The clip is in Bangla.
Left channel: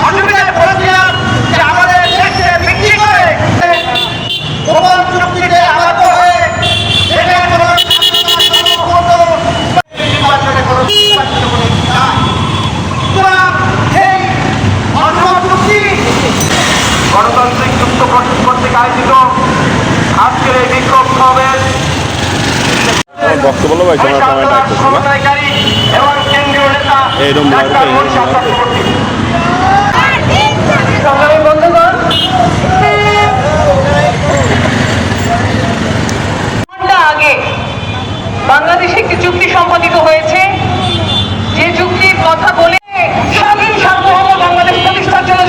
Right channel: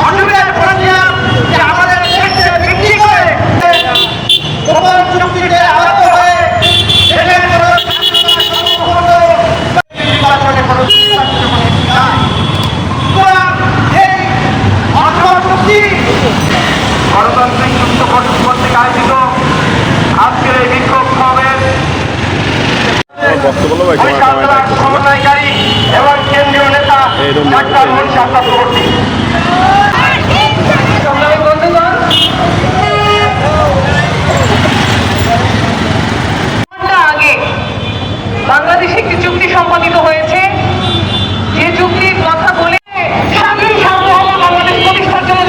অসুবিধায় পড়েছিলাম যে আমাদের দেশকে বিক্রি করে গোপন চুক্তিতে আবদ্ধ হয়ে দেশের কোনো গণতান্ত্রিক যুক্ত কর্তৃক আয়োজিত আজকের এই বিক্ষোভ সমাবেশ বক্তব্য ভাই তোমার সময় সমন্বয়কারী এবং কেন্দ্রীয় নেতা ডাক্তার মুনশাদ চক্রবর্তী। আগে বাংলাদেশে একটি চুক্তি সম্পাদিত হয়েছে, যে চুক্তির কথা বলে স্বাধীন সার্বভৌম বাংলাদেশ প্রতিষ্ঠার জন্য